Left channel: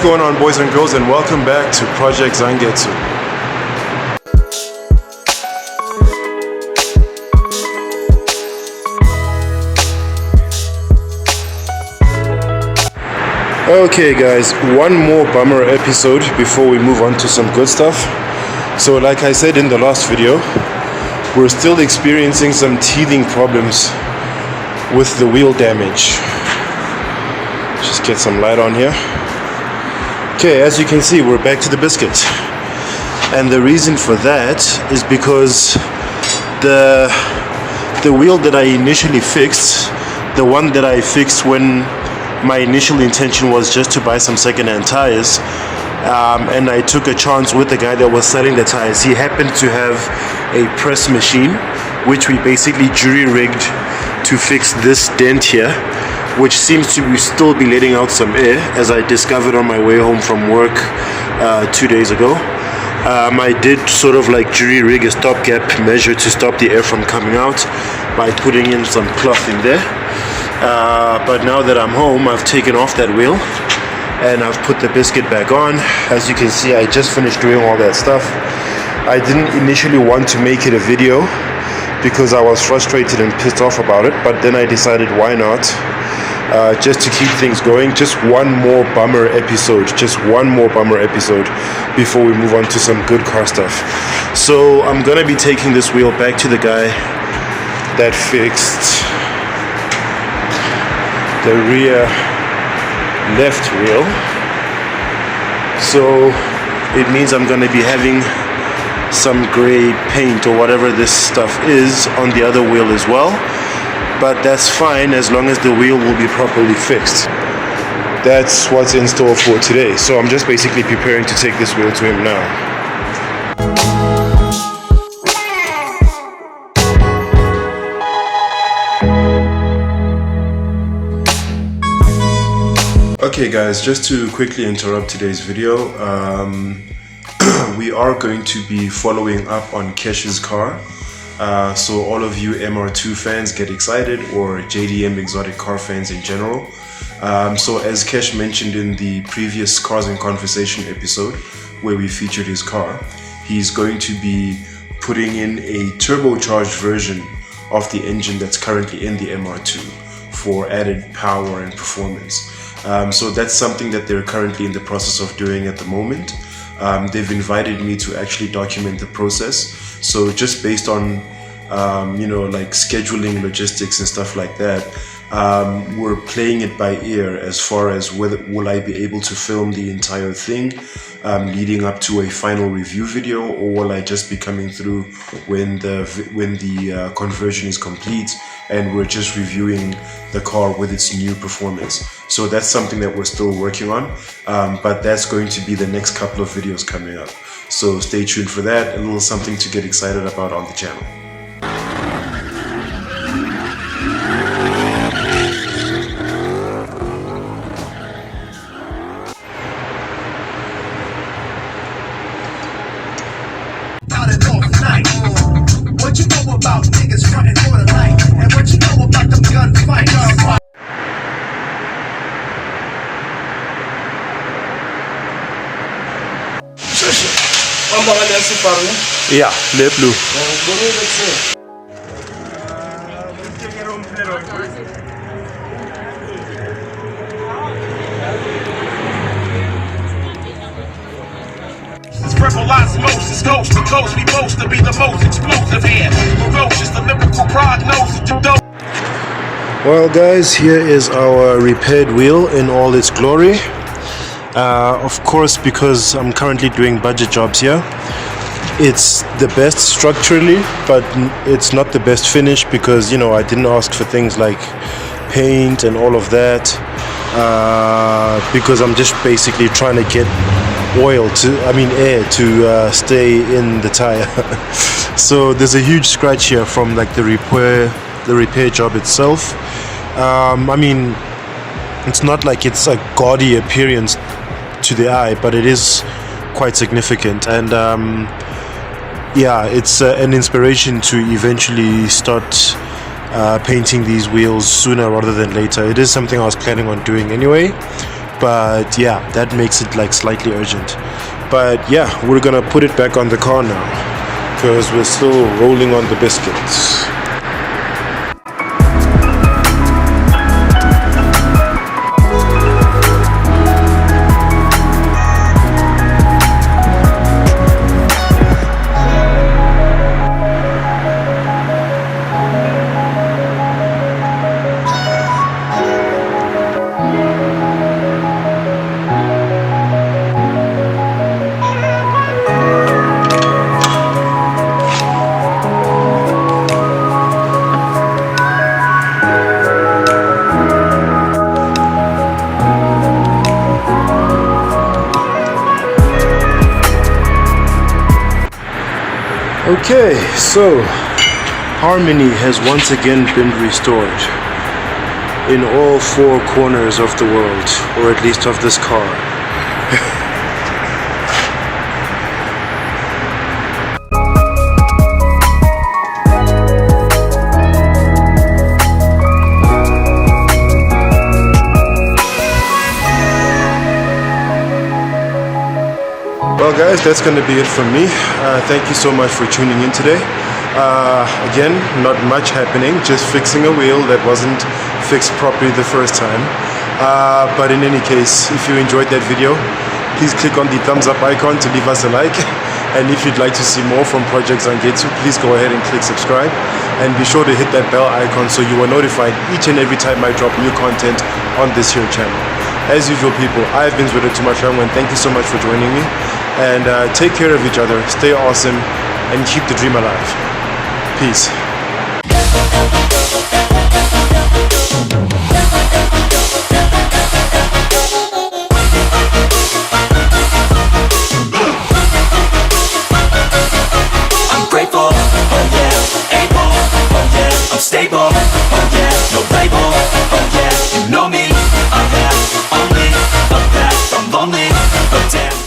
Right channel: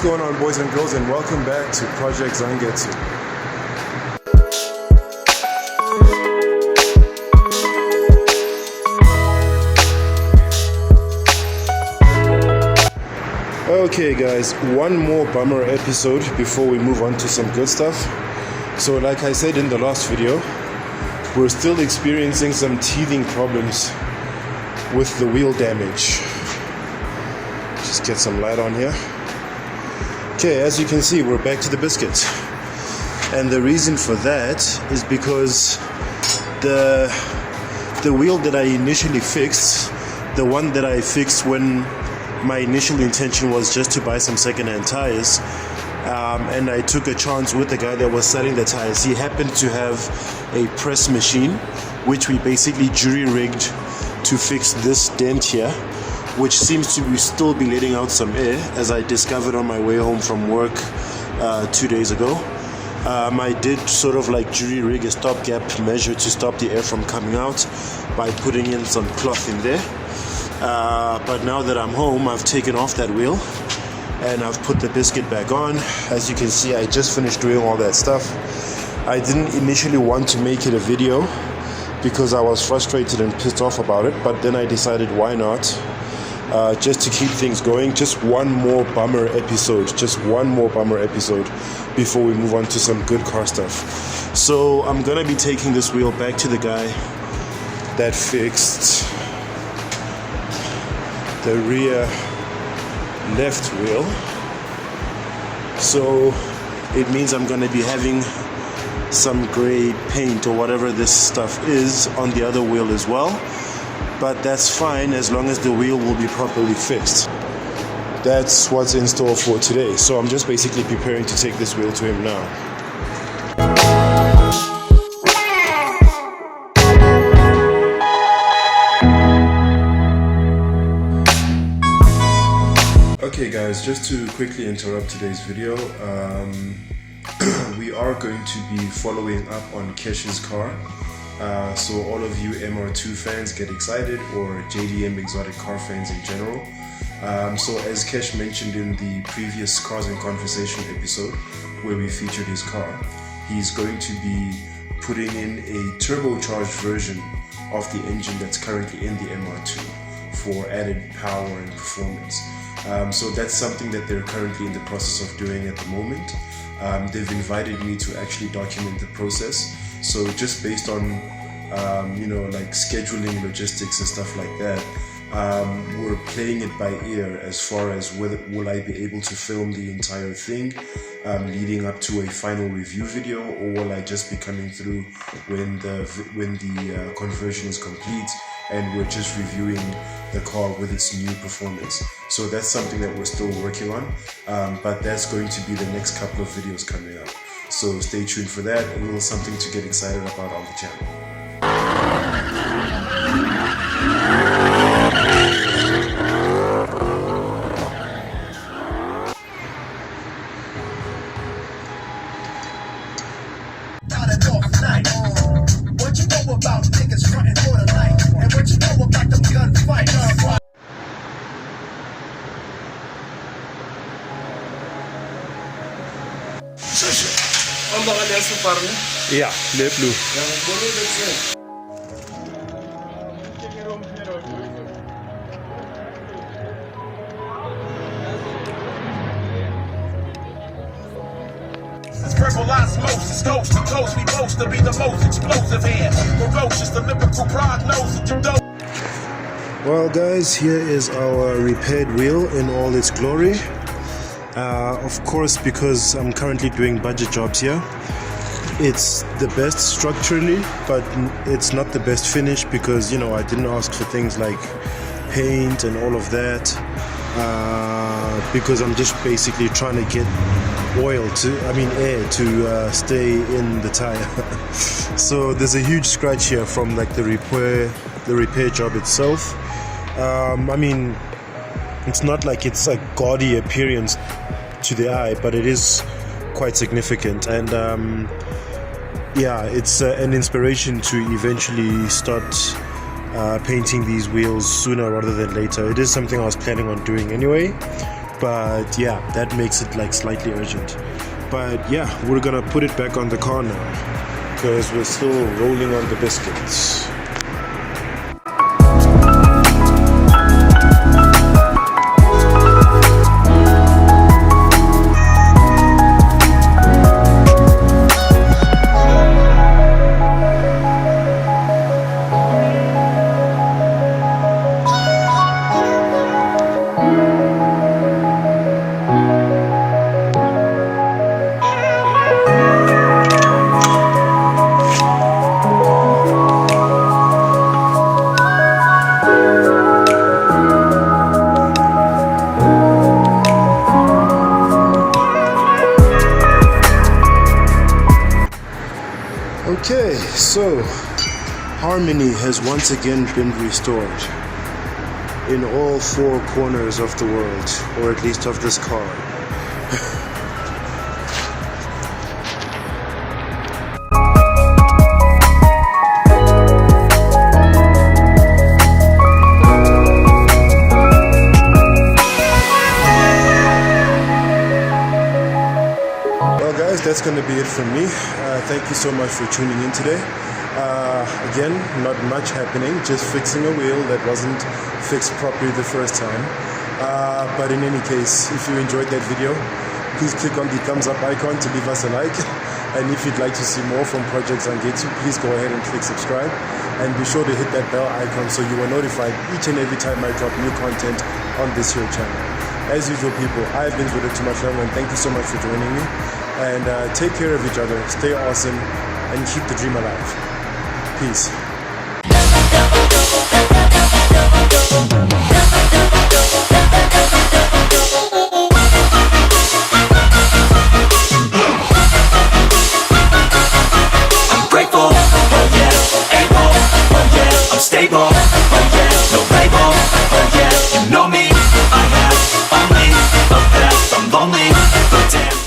What's going on, boys and girls, and welcome back to Project Zangetsu. Okay guys, one more bummer episode before we move on to some good stuff. So like I said in the last video, we're still experiencing some teething problems with the wheel damage. Just get some light on here. Okay, as you can see, we're back to the biscuit. And the reason for that is because the wheel that I initially fixed, the one that I fixed when my initial intention was just to buy some second-hand tires, and I took a chance with the guy that was selling the tires. He happened to have a press machine, which we basically jury-rigged to fix this dent here, which seems to still be letting out some air, as I discovered on my way home from work 2 days ago. I did sort of like jury-rig a stopgap measure to stop the air from coming out by putting in some cloth in there. But now that I'm home, I've taken off that wheel and I've put the biscuit back on. As you can see, I just finished doing all that stuff. I didn't initially want to make it a video because I was frustrated and pissed off about it, but then I decided why not, just to keep things going. Just one more bummer episode before we move on to some good car stuff. So I'm gonna be taking this wheel back to the guy that fixed the rear left wheel. So it means I'm going to be having some gray paint or whatever this stuff is on the other wheel as well, but that's fine as long as the wheel will be properly fixed. That's what's in store for today. So I'm just basically preparing to take this wheel to him now. Okay guys, just to quickly interrupt today's video, we are going to be following up on Kesh's car. So all of you MR2 fans get excited, or JDM exotic car fans in general. So as Kesh mentioned in the previous Cars in Conversation episode where we featured his car, he's going to be putting in a turbocharged version of the engine that's currently in the MR2 for added power and performance. So that's something that they're currently in the process of doing at the moment. They've invited me to actually document the process. So just based on, like scheduling, logistics and stuff like that, we're playing it by ear as far as whether will I be able to film the entire thing leading up to a final review video, or will I just be coming through when the conversion is complete and we're just reviewing the car with its new performance. So that's something that we're still working on, but that's going to be the next couple of videos coming up. So stay tuned for that, a little something to get excited about on the channel. What you know about niggas frontin' for the light? And what you know about them gunfights? Ang baka na SUBARU? Yeah, le blue. Osmosis, coast to coast, we boast to be the most explosive here. Ferocious, the lyrical prognosis to dope. Well guys, here is our repaired wheel in all its glory. Of course, because I'm currently doing budget jobs here, it's the best structurally, but it's not the best finish because, I didn't ask for things like paint and all of that, because I'm just basically trying to get air to stay in the tire. So there's a huge scratch here from like the repair job itself. It's not like it's a gaudy appearance to the eye, but it is quite significant, and it's an inspiration to eventually start painting these wheels sooner rather than later. It is something I was planning on doing anyway, but yeah, that makes it like slightly urgent. But yeah, we're gonna put it back on the car now because we're still rolling on the biscuits. Okay, so harmony has once again been restored in all four corners of the world, or at least of this car. Well guys, that's going to be it from me. Thank you so much for tuning in today. Again, not much happening, just fixing a wheel that wasn't fixed properly the first time. But in any case, if you enjoyed that video, please click on the thumbs up icon to leave us a like. And if you'd like to see more from Project Zangetsu, please go ahead and click subscribe. And be sure to hit that bell icon so you are notified each and every time I drop new content on this here channel. As usual people, I've been Zwida Tumashang, and thank you so much for joining me. And take care of each other, stay awesome, and keep the dream alive. Peace. I'm grateful, oh yeah, able, oh yeah, I'm stable, oh yeah, no label, oh yeah, you know me, I have only a path, I'm lonely, but damn